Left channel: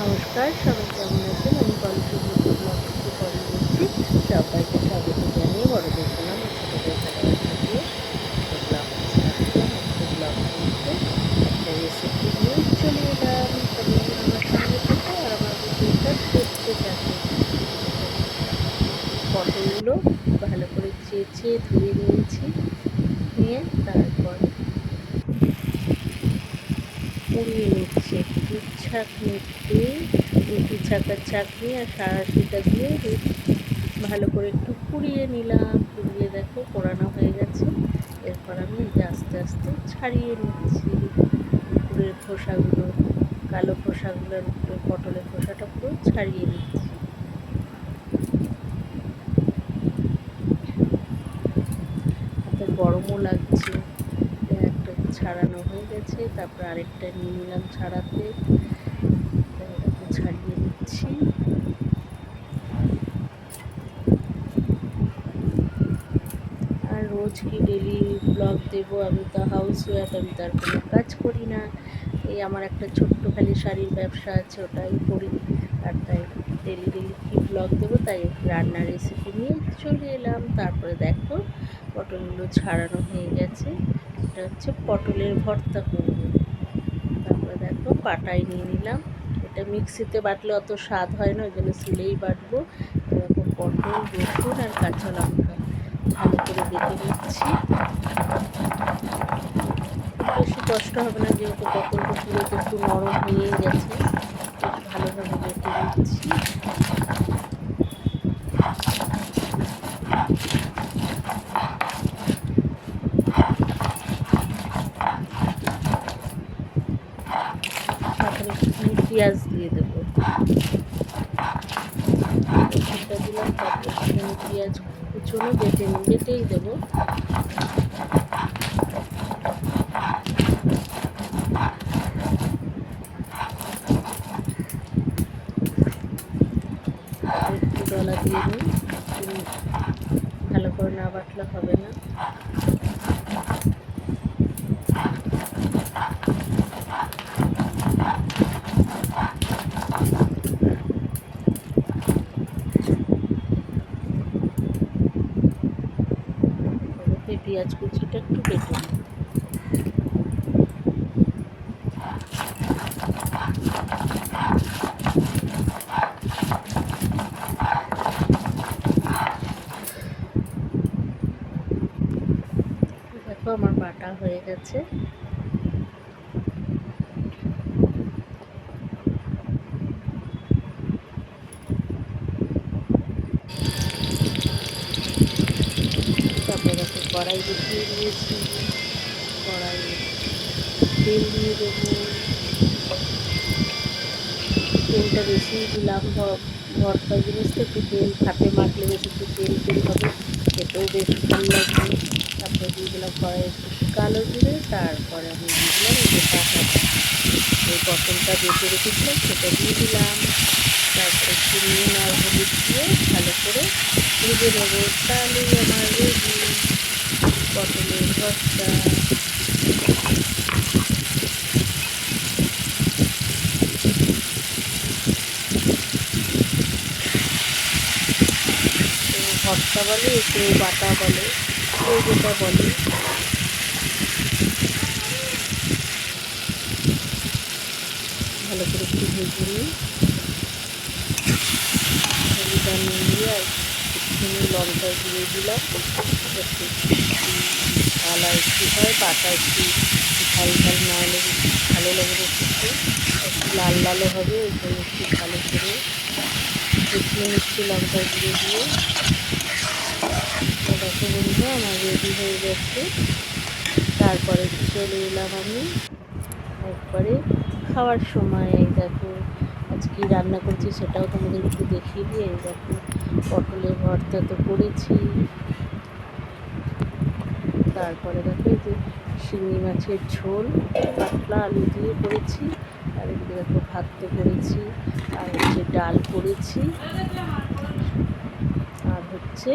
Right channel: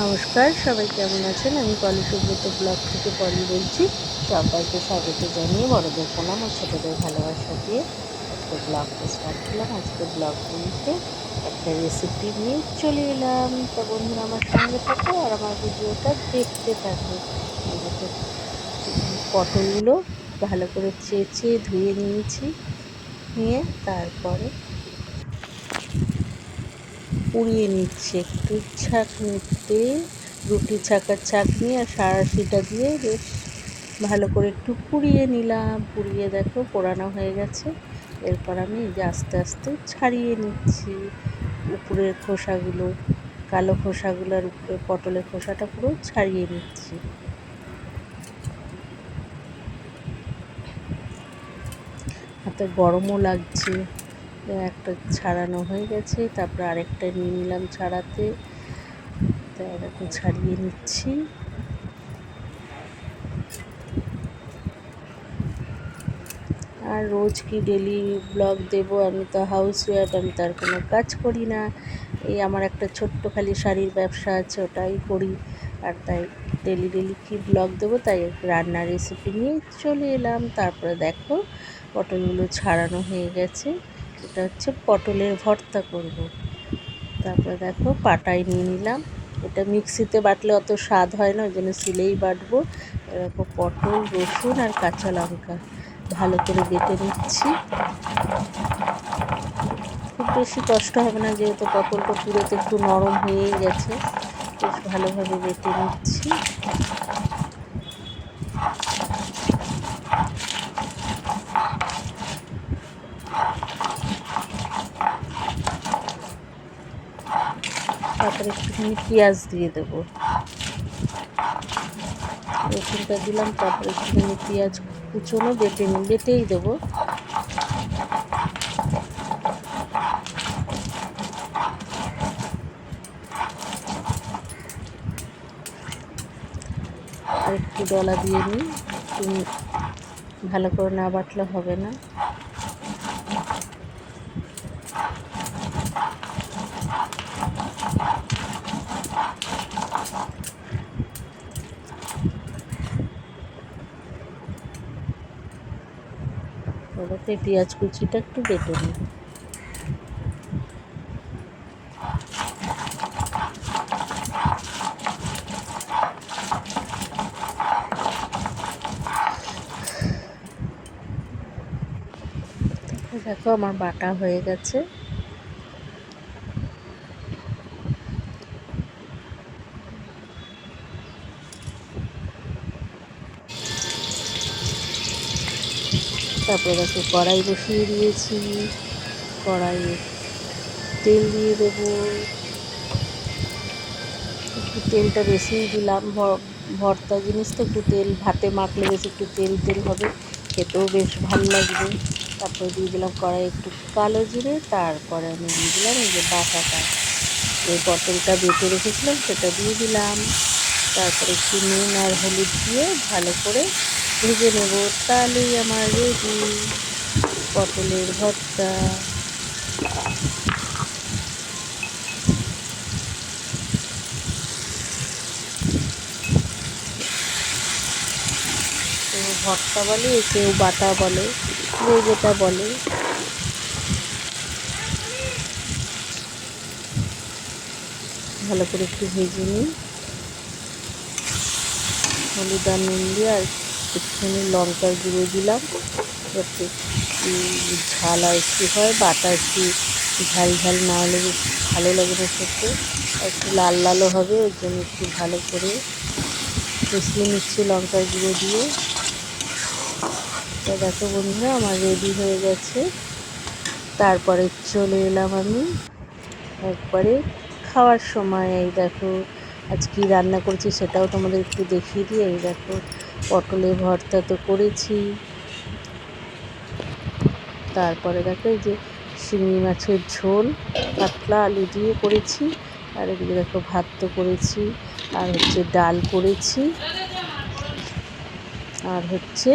নমস্কার, সবাই কেমন আছেন? আমি পলি সুব্রত ব্লগ থেকে পলি বলছি। সবাইকে স্বাগত জানিয়ে বড়দের প্রণাম আর ছোটদের ভালোবাসা দিয়ে আজকে ব্লগটা স্টার্ট করলাম। আজকে ব্লগ বলতে একটা রেসিপি নিয়ে চলে এলাম। তা বন্ধুরা আমার সঙ্গে থাকো আর আমার ভিডিওটা দেখতে থাকো। এই দেখো, পটলগুলো ভালো করে চেঁচে ধুয়ে নিয়েছি, নিয়ে তারপরে পুড়িয়ে নিচ্ছি একটু ছাঁকনিতে। রুটি ছাঁকার ছাঁকনি আর সাঁড়াশিটা দিয়ে বেশ ভালো করে একটু পুড়িয়ে নিলাম। পুড়িয়ে দেখো পোড়ানো হয়ে গেছে। এরপর আমি এই যে আস্তে আস্তে ছাড়িয়ে নিচ্ছি উপরের খোসাগুলো, কালো খোসাগুলোর উপরে পটলের খোসাটা পুরো ছাড়িয়ে নিচ্ছি। হাতে গরমও লাগছে। একটা ছাড়ানো হয়ে গেছে, তারপরে আরেকটা নিয়ে নিলাম ছাড়াতে। তাই এটাকে ছাড়িয়ে নিচ্ছি। আর রোজ কি ডেলি ব্লগ দেব? আমি তো হাউস ওয়াইফ, আমি তার কোনো কাজ করি না। এই আমার একটা ছোট্ট খালি শাড়ির ব্যবসা আছে, ওটাই করি। আর তাই ডেলি কি ব্লগ দেবো? তাই রান্নার রেসিপি নিয়ে চলে এলাম। তারপরে দেখো পটলগুলো ছাড়ানো হয়ে গেছে। এটা হচ্ছে পটলের ভর্তা করব। তারপরে দেখো পাটায় নিয়ে নিলাম। এটা মিক্সিতে বাটলে অত স্বাদ হয় না, ওই জন্য শিলেই বাটবো। এরকম পটল, রসুন আর কাঁচা লঙ্কা ভালো করে বেটে নিচ্ছি। খুব বেশি কষ্ট হবে না, যেহেতু পটলটা পুরোতে একটু নরম হয়েই গেছে। বেশ ভালোভাবে বেটে নিচ্ছি। তারপরে একটুখানি পেঁয়াজ দিয়ে দেবো। রসুনটা দিলাম, তারপরে একটুখানি পেঁয়াজ কুচোনো বেটেই দেবো। আর একটু ডলা দিয়ে নিই, ভালো করে না বাটলে হবে না। এবারে পেঁয়াজ কুচিটা একটু বেটে নিই। দেখো আমার বাটা হয়ে গেছে। তারপরে দেখো কড়াই বসিয়ে দিয়েছি। কড়াইয়ে তেল দিয়ে দেবো। তেলটা বেশি দিলাম, ভর্তা জিনিস তো একটু তেল, ভাতে মাখলে বেশ একটু তেল হবে, খেতেও বেশ ভালো লাগবে। তারপরে দিয়ে দিলাম কড়াই একটু কালো জিরে। তারপরে আমি দিয়ে দিলাম এই যে বাটাটা, যে পটলটা বেটে রেখেছিলাম সেটা দিয়ে দিলাম। তারপরে একটু নুন আর হলুদ দিয়ে ভালো করে ভেজে নেব। তাহলেই আমার রেডি পটলের ভর্তা। কেউ ভর্তা বলে, কেউ বাটা বলে, কেউ যেটা বলে। ভালো করে একটু ভেজে নিই। হলুদ আর নুন দিয়ে আর একটুখানি লঙ্কার গুঁড়ো দিলাম, যাতে ঝাল আর একটু হয়, বাটা একটু ঝাল না হলে ভালো লাগে না খেতে। একটু লালও হবে, ওই জন্য একটু ভালো করে কষিয়ে নিচ্ছি লঙ্কার গুঁড়ো দিয়ে। তো দেখো বন্ধুরা আমার রেডি হয়ে গেছে। তারপরে চলে এলাম আমি একবারে খাওয়ার সময়। এই দেখো আজ কী রান্না করছি সেটাও তোমাদের একটু দেখিয়ে দিই। এই দেখো পটলের ভর্তা তো করেছি, তারপরে দেখো এই যে শিঙি মাছের ঝোল পাতলা আলু দিয়ে করেছি, আর এদিকে দেখো ভাত তো করেছি, আর হচ্ছে ডাল করেছি, আর হচ্ছে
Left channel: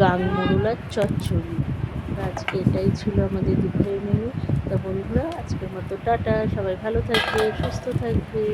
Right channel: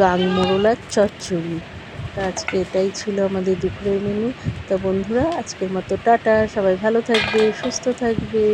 গাং মোরলার চচ্চড়ি। আজকে এটাই ছিল আমাদের দুপুরের মেনু। তা বন্ধুরা আজকের মতো টাটা, সবাই ভালো থাকবে, সুস্থ থাকবে।